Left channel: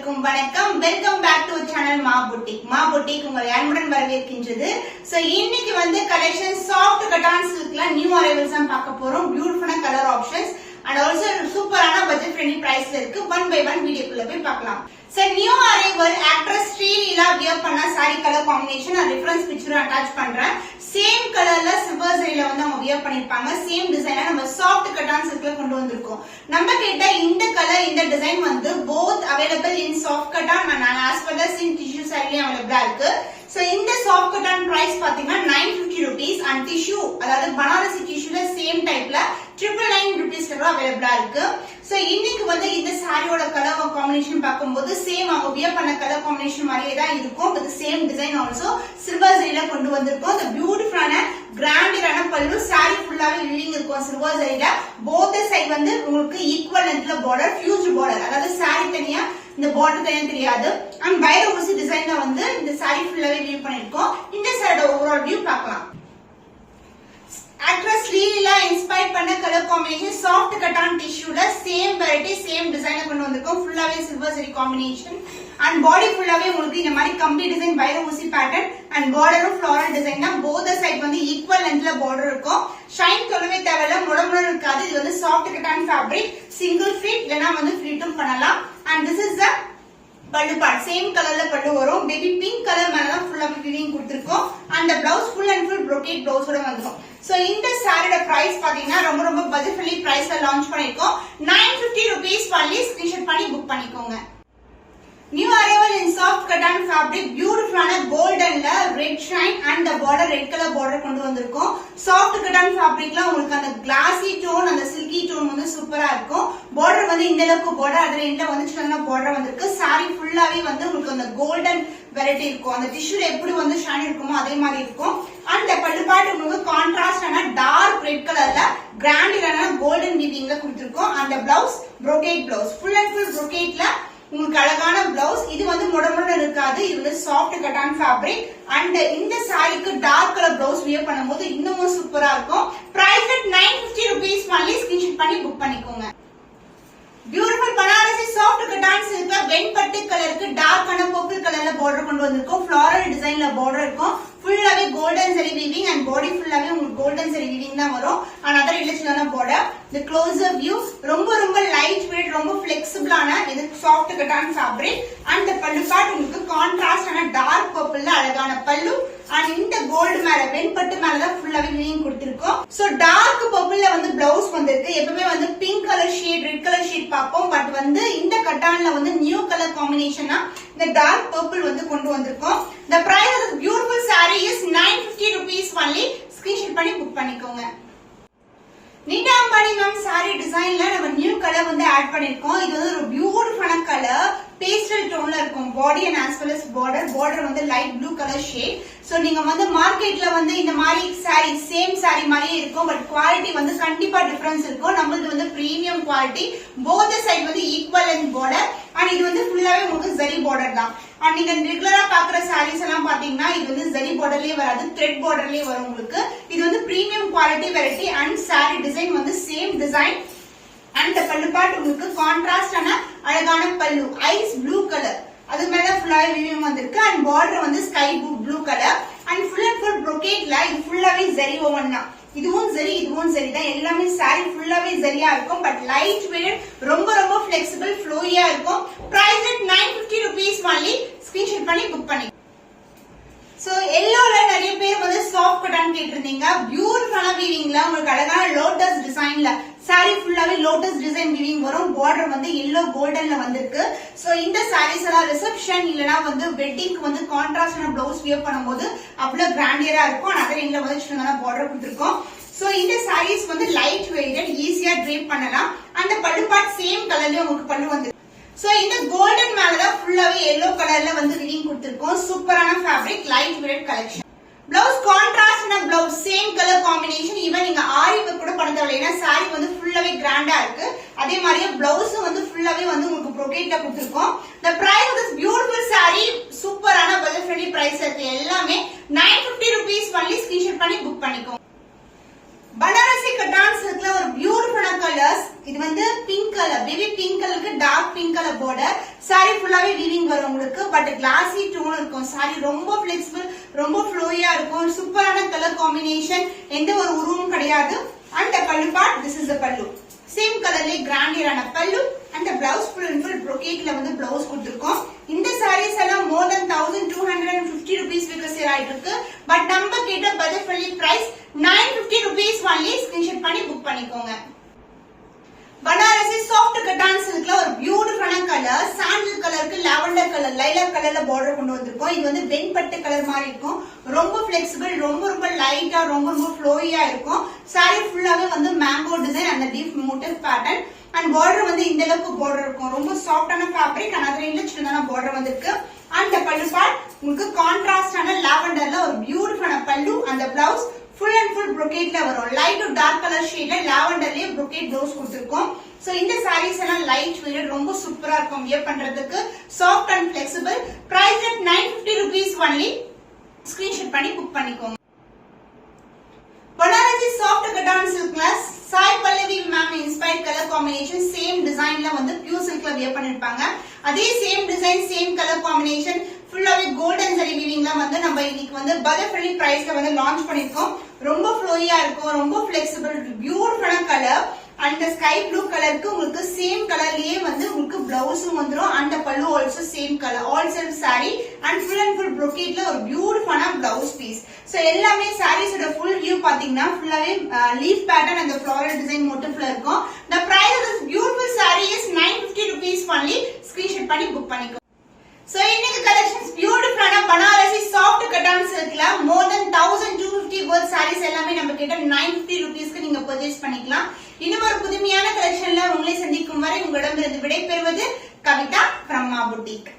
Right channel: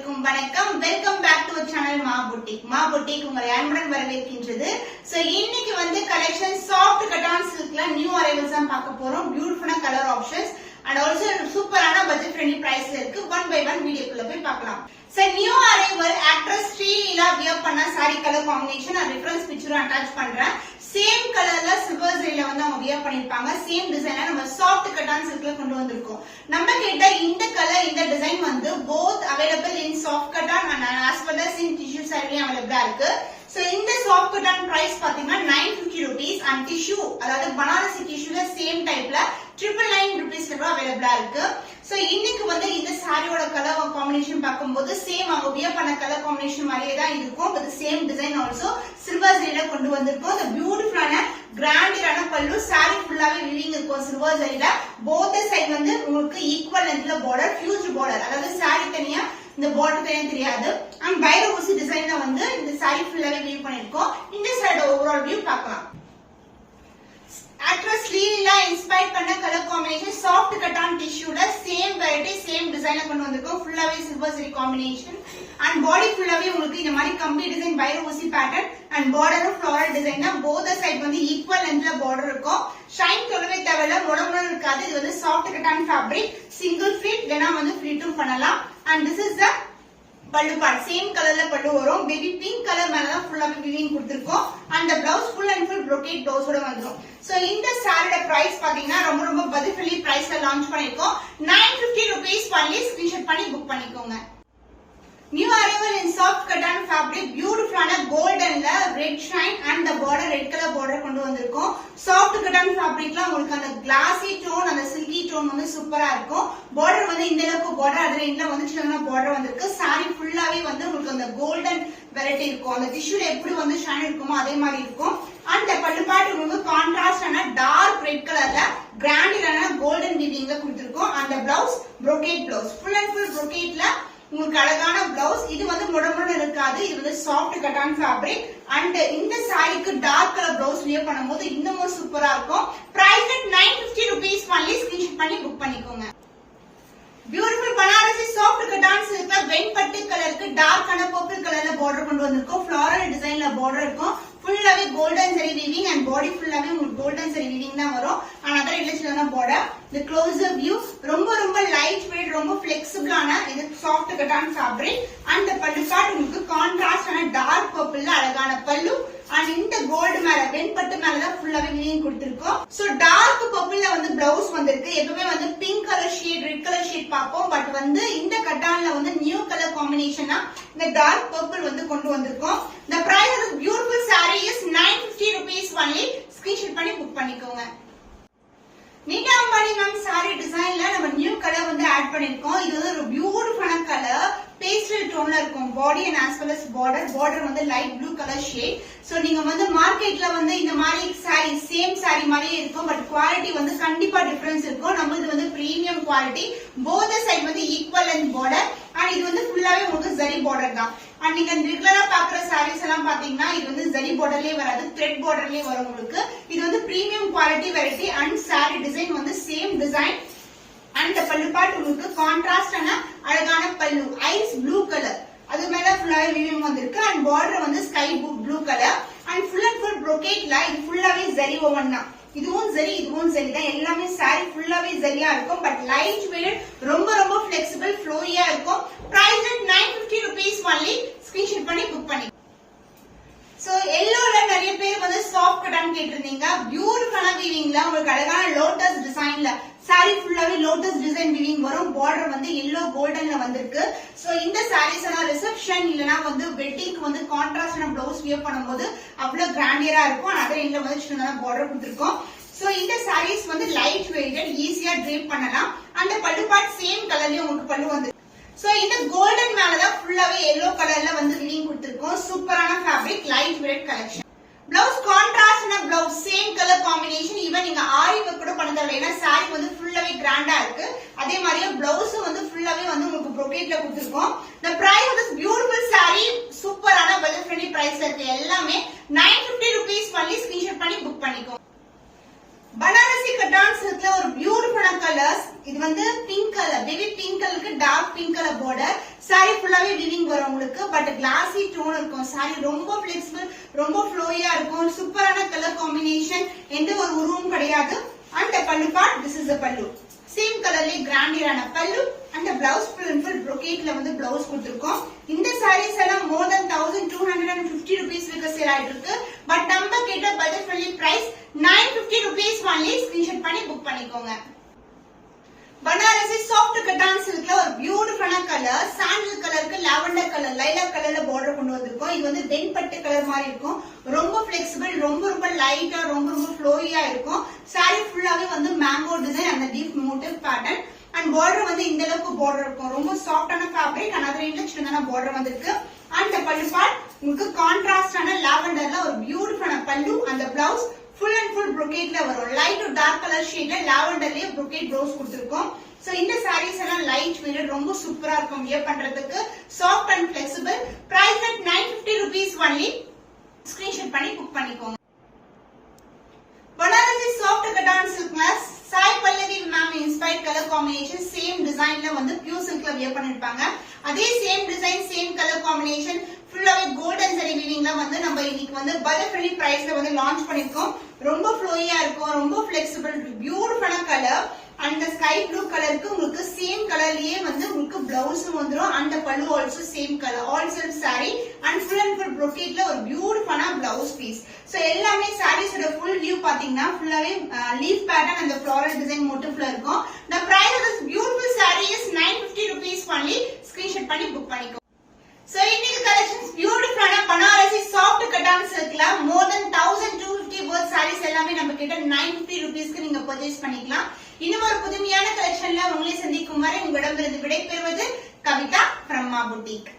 அனைவருக்கும் வணக்கம். Welcome back to channel மா புட்டிக் உங்களை அன்புடன் வரவேற்கின்றது. சோ இன்னைக்கு வந்து collection soft cotton சில்க்ல new arrivals தான் பார்க்க போறோம். பியூட்டிஃபுல்லான கலர் ஆப்ஷன்ஸ் அண்ட் ஆல்சோ சூப்பரான பட்ஜெட் ஃப்ரெண்ட்லி பிரைஸ்ல இருக்கு. ஒன் பை ஒன் வீடியோக்குள்ள போய் பார்க்கலாம். So new arrival actress Sreeleela wear பண்ண சாரி கலர் காம்பினேஷன் நான் ரெஃபரன்ஸ் பிக்சரும் அட்டாச் பண்றேன். சேம் கலர்ல சில்வர் ஜரியில வந்து அவங்க வியர் பண்ணிருப்பாங்க. சேம் டிசைன்ல நம்ம சாஃப்ட் கட்டான் சில்க்ல கொண்டு வந்திருக்கோம். நம்ம கிட்ட இந்த கலர் இந்த டிசைன் வந்து both available in soft cotton and as well as in tissue saree available இருக்கு. சோ இந்த சாஃப்ட் கட்டான் பிரைஸ் பாத்தீங்கன்னா 950 rupees and tissue அதாவது பனாரசி டிஷ்யூல சேம் டைப்ல 999 rupees அவைலபிளா இருக்கு. சோ இன்னைக்கு வந்து இந்த சாரியோட கலர் காம்பினேஷன் பார்க்கும்போது சேம் அவங்க வியர் பண்ண கலர் காம்பினேஷன் மாதிரியே தான் இருக்கும். With same design also silver ஜரியில கொண்டு வந்திருக்கோம். இந்த பியூட்டிஃபுல்லான கிராண்டான பல்லு சாரி ஃபுல்லாவே விவிங் இருக்கும் சில்வர் ஜரியில. போத் சைடு வந்து உங்களுக்கு ஈக்குவல் லென்த்ல பார்டர், ஹியூஜ் பார்டர், அதாவது சாரி தனியா இந்த பார்டர் தனியா தெரியாது. அண்ட் வைர ஊசி டிசைன்ல வந்து இந்த சாரி ஃபுல்லாவே வியூ பண்ணிருக்கோம். இந்த சாரியோட ஓவரால் வியூ பார்க்கலாம். ஆக்ட்ரஸ் ஸ்ரீலீலா இன்ஸ்பயர் பண்ண கலர் காம்பினேஷன் சாஃப்ட் கட்டான் டிஷ்யூல சேம் வெரைட்டி சேம் டிசைன்ல கொண்டு வந்திருக்கோம். ஃபுல்லாவே silver zari combination and body ஃபுல்லாவே உங்களுக்கு இந்த மாதிரி கம்பி டிசைன் வைர ஊசி பேட்டர்ன் அண்ட் பார்டரும் ஃப்ளோரல் டிசைன் தான். போத் சைடு வந்து ஈக்குவல் லென்த்ல பார்டர் இருக்கும். ஷைன் சொல்லவே தேவையில்ல, முடமுடன் இருக்காது. இது வந்து soft cotton fabric, single fit இல்லனா வந்து ஃபிளிட்டும் பண்ணலாம். அண்ட் திஸ் இஸ் த பல்லு பார்ட். சேம் கலர்ல பல்லு வரும். பேபி பிங்க் கலர் மேலதான் ஃபுல்லாவே வீவிங் கொடுத்திருக்கோம். அந்த blouse full and full brocade பிளவுஸோட வந்துரும். சோ இந்த சாரியோட பிரைஸ் பாத்தீங்கன்னா ரொம்ப பட்ஜெட் ஃப்ரெண்ட்லி பிரைஸ்ல லான்ச் பண்ணிருக்கோம். 950 rupees only. ஸ்கிரீன்ஷாட் பண்ணி புக் பண்ணிக்கோங்க. New arrival in soft cotton fabric, பியூட்டிஃபுல்லான கோல்டன்ல red shine and the border red colour border கொண்டு வந்திருக்கோம். சாஃப்ட் கட்டான் ஃபேப்ரிக்ல உங்களுக்கு அந்த கிளாசி டோன் அந்த சில்கி டோன் வந்து சூப்பரா இருக்கும். பார்டர் வந்து இந்த அளவுக்கு பார்டர், அதுல இந்த வந்து சின்ன பார்டர் வந்திருக்கு. சாரி ஃபுல்லாவே வந்து உங்களுக்கு அந்த கோல்டன் வெரைட்டி இருக்கும். அந்த டிஷ்யூல எப்படி வந்து ஷைன் இருக்குமோ அதே மாதிரி இருக்கும். அந்த பல்லு பாட்டு உங்களுக்கு கான்ட்ராஸ்டான டார்க் ரெட் கலர்ல கிராண்டிலான கோல்டன் வீவிங்ல கொடுத்திருக்கோம். அந்த blouse brocade blouse, full and full brocadeல உங்களுக்கு அழகான பிளவுஸ். இது வந்து முடமுடன் இருக்காது. இது வந்து சாஃப்ட் கட்டான் ஃபேப்ரிக் அண்ட் இந்த சாரிக்கு டார்க் கலர் பிளவுஸ் வியர் பண்ணும்போது இன்னமும் சூப்பரா இருக்கும். Price at 950 rupees only. Screenshot பண்ணி புக் பண்ணிக்கோங்க. பியூட்டிஃபுல் பனாரசி சாஃப்ட் கட்டான் சில்க்ல வெண்பட்டு கலருக்கு டார்க்கான பர்பிள் கலர்ல பார்டர் கொண்டு வந்திருக்கோம். ஃப்ளாரல் டிசைன்ல பார்டர் இருக்கும். ஃபுல்லாவே கோல்டன் சரி வீவிங் அண்ட் பாடி ஃபுல்லாவே உங்களுக்கு கோல்டன் சரி வீவிங் தான் வரும். அண்ட் அதர் இல்லச்சுலான பார்டர். இந்த க்ளோசர் வியூ ரொம்ப லைட் வெயிட், ரொம்ப பிளெக்சிபிளான இது சாஃப்ட் கட்டான் ஃபேப்ரிக். அண்ட் பல்லு பார்ட் உங்களுக்கு கான்ட்ராஸ்டான டார்க் பர்பிள்ல அழகான பல்லு அண்ட் இந்த கோல்டு மேல வெண்பட்டு மேலதான் ஃபுல்லாவே வீவிங் கொடுத்திருக்கோம். சோ டார்க் பர்பிள்ல வந்து பிளவுஸ் வந்திருக்கு. எப்பவுமே வந்து pink colour shade, red colour shade பார்ப்போம். பட் வந்து இந்த கட்டான்ல வந்து நியூ கலர் காம்பினேஷனா இந்த டார்க் பர்பிள் வந்து கொண்டு வந்திருக்கோம். The price of the beautiful saree is 950 rupees only. Screenshot பண்ணி புக் பண்ணிக்கோங்க. நீட்டா அம்பானி மேம் சாரி டிசைன்ல நம்ம நியூ கலர் வந்து ஆட் பண்ணிருக்கோம். இது வந்து ஒரு பியூட்டிஃபுல்லான கலர், பேஸ்டல் டோன்ல இருக்கும். Body and as well as border வந்து light blue colour shade. So நீங்க வந்து மார்க்கெட்ல வந்து இந்த மாதிரி சாரி சேம் சாரி மாதிரியே இருக்கும். பட் குவாலிட்டி வந்து கண்டிப்பா டிஃபரன்ஸ் இருக்கும். நம்மளுது வந்து பிரீமியம் குவாலிட்டி. போத் சைடு வந்து ஈக்குவல் அண்ட் பார்டர் அண்ட் இது வந்து ஃபுல்லாவே உங்களுக்கு ஜரி பார்டர் தான். அண்ட் நீங்க ரெகுலரா பாக்குற சாரீஸ் எல்லாம் பாத்தீங்கன்னா இது வந்து ஜரி பார்டர்லயே வராது, த்ரெட் பார்டர்லயே வரும் உங்களுக்கு. இது வந்து premium quality variety and sorry design வந்து சேம் டிசைன். அண்ட் பல்லு பார்ட் உங்களுக்கு கான்ட்ராஸ்டான அழகான பல்லு, ஐஸ் ப்ளூ கலர், அது மேல ஃபுல்லாவே வீவிங் வந்திருக்கு. அண்ட் பார்டர் வந்து sky blue colour and full and full brocadeல இது ஃபுல்லாவே ஜரி ஓவன் தான். இதுவும் சரி இதுவும் சரி தான். எல்லாமே சாரி ஃபுல்லாவே சரியா இருக்கும். பட் லைட் வெயிட், ரொம்ப பிளெக்சிபிள், ஃப்ளோயியா இருக்கும். Price at 950 rupees only. Screenshot பண்ணி புக் பண்ணி. சோ எல்லோல நிறைய பேர் வந்து சாஃப்ட் கட்டான் கேட்டிருந்தீங்க. பியூட்டிஃபுல்லான வீவிங்ல உங்களுக்கு அழகான லோட்டஸ் டிசைன்ல சாரி ஃபுல்லாவே லோட்டஸ் டிசைன் வீவிங் வரும். பார்டர் வந்து எல்லோ கோல்டன்ல வந்திருக்கு. சோ இந்த சாரீஸ் எல்லாம் ரிசப்ஷன் இல்லனா வந்து வெட்டிங்க்கு வந்து கான்ட்ராஸ்டான பிளவுஸ் வியர் பண்ணும்போது அவ்வளவு கிராண்டியரா இருக்கும். அதே எங்க வந்து சின்னதான பார்டர் கொடுத்திருக்கோம். சோ இந்த சாரீஸ் வந்து லைட் வெயிட்டட், ஈஸியா ட்ரேப் பண்ணலாம். அந்த பல்லு பார்ட் சேம் கலர்லயே உங்களுக்கு பல்லு வந்து. சோ இந்த கோல்டன் மேலதான் ஃபுல்லாவே எல்லோ கலர்ல வந்து வீவிங் கொடுத்திருக்கோம். சூப்பரான fabric, light weight collection. Blouse கான்ட்ராஸ்டான blouse, same colour combination. Even நீங்க ஆரி ஒர்க் கூட பண்ண தேவையில்லை. ஏன்னா சாரி வந்து ஃபுல்லாவே கிராண்டா இருக்கு. அதே மாதிரியே பிளவுஸ் வந்து ஃபுல்லாவே வந்து உங்களுக்கு brocadeல கொடுத்திருக்கோம். The price of this beautiful saree சூப்பரான பட்ஜெட் ஃப்ரெண்ட்லி பிரைஸ்ல இருக்கு. எல்லாமே 950 rupees only. ஸ்கிரீன்ஷாட் பண்ணி புக் பண்ணிக்கோங்க. பனாரசி கட்டான் சில்க்ல ஒரு பியூட்டிஃபுல்லான கலர்ஸ். இது வந்து பிங்க் கலர், பேபி பிங்க் கலருக்கு dark pink colour border. Sari ஃபுல்லாவே ஃபுல்லாவே வீவிங் வரும் உங்களுக்கு. பட் கிளாசி டோன் இருக்கும். சாரி ரொம்ப பிளெக்சிபிள், ரொம்ப ஃப்ளோயா இருக்கும். சூப்பரான கலர் காம்பினேஷன், எந்த ஒரு உருவமும் கிடையாது. அண்ட் பல்லு பார்ட், திஸ் இஸ் த பல்லு. சேம் கலர்ல கிராண்டியரான பல்லு. அந்த பிளவுஸ் ஃபுல் brocade வந்து பிளவுஸ் கொடுத்திருக்கோம். இந்த sarees எல்லாம் more than 1250 rupees விற்க சேல் ஆயிட்டு இருக்கு. பட் நம்ம கிட்ட budget friendly price 950 rupees only. Screenshot பண்ணி புக் பண்ணிக்கோங்க. பனாரசி சாஃப்ட் கட்டான் சில்க்ல ஒரு பியூட்டிஃபுல்லான கலர், சாண்டல் கலருக்கு லாவெண்டர் கலர், லைலாக் கலர்ல பார்டர் கொண்டு வந்திருக்கோம். இது வந்து வெண்பட்டு கலர் மாதிரி இருக்கும். ரொம்ப பிளெக்சிபிள், ரொம்ப லைட்டா, ரொம்ப ஃப்ளோயியா இருக்கும். சாரி ஃபுல்லாவே வந்து மேங்கோ டிசைன் அந்த deep motive pattern. And border வந்து இந்த அளவுக்கு பார்டர் இருக்கும். ரொம்ப சாஃப்டான ஃபேப்ரிக், another இன்னும் சின்னதான பார்டர் வந்திருக்கு. அண்ட் பல்லு பார்ட் உங்களுக்கு கான்ட்ராஸ்டான லாவெண்டர்ல ஒரு பியூட்டிஃபுல்லான பல்லு. அந்த blouse full and full brocade ல வரும். லைட் டு டார்க் கலர் ஷேட்ல லாவெண்டர்லயே brocade ப்ளவுஸ் கொடுத்திருக்கோம். சோ இந்த sarees எல்லாம் லைட் வெயிட், ரொம்ப சூப்பரா இருக்கும் வியர் பண்றதுக்கு. Soft and flexible. Price at 950 rupees only. Screenshot பண்ணி புக் பண்ணிக்கோங்க. பனாரசி சாஃப்ட் கட்டான் சில்க்ல Sai Pallavi ma'am inspired colour combination, same டிசைன்ல வந்து பியூர் சில்க்ல வியர் பண்ணிருப்பாங்க. அதே same design, same colour combination, ஃபுல்லாவே கோல்டன் ஜரி வீவிங்ல வந்து நம்ம இன்னைக்கு வந்து பட்ஜெட் ஃப்ரெண்ட்லி பிரைஸ்ல வந்து லான்ச் பண்ணிருக்கோம். ரொம்ப ஃப்ளோயியா இருக்கும், ரொம்ப பிளெக்சிபிள், பியூட்டிஃபுல்லான கலர். அந்த ஸ்கை ப்ளூ கலருக்கு உங்களுக்கு சேம் கலர்லயே வந்து உங்களுக்கு பிளவுஸும் வந்துரும். அந்த பல்லு also same colour, all self sorry and full brocade ஒரு பியூட்டிஃபுல்லான பிளவுஸ் பீஸ். சோ எல்லாமே சாரீஸோட ஃபுல் வியூ பாத்தீங்கன்னா ஃபுல்லாவே லீஃப் பேட்டர்ன் அந்த ஃப்ளாரல் டிசைன் மோட்டிவ்ல இருக்கும். The price of this beautiful saree is 950 rupees only. Screenshot பண்ணி புக் பண்ணிக்கோ. சோ இன்னைக்கு கலெக்ஷன்ஸ் பியூட்டிஃபுல்லான Banarasi soft cotton சில்க்ல more than 1250 worth sarees எல்லாமே நம்ம கிட்ட 950 rupeesக்கு நீங்க பர்ச்சேஸ் பண்ணிக்கலாம். இன்னும் ஒரு புதுமையான கலெக்ஷன்ல உங்களை சந்திக்கும் வரை உங்களிடமிருந்து விடைபெறுவது கவிதா from Ma Boutique.